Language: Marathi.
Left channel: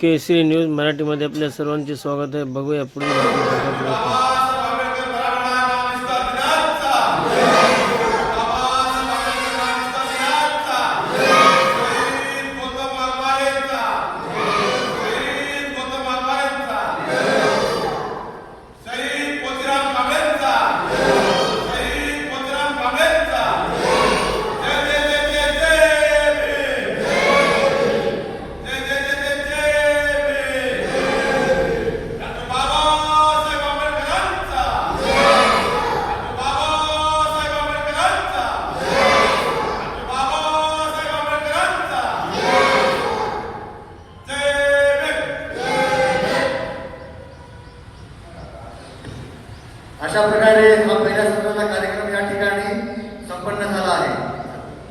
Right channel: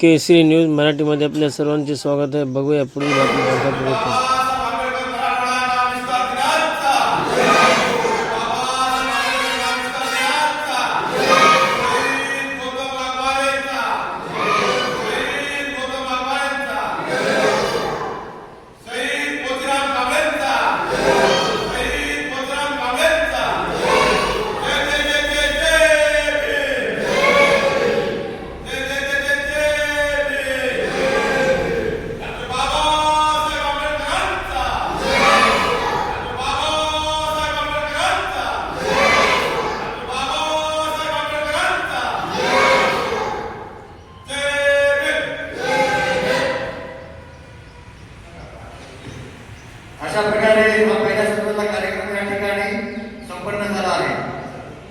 केसरी न्यूज मराठीमध्ये आपल्या सर्वांचे स्वागत आहे. बघूया पुढील बातमी. अशा प्रकारे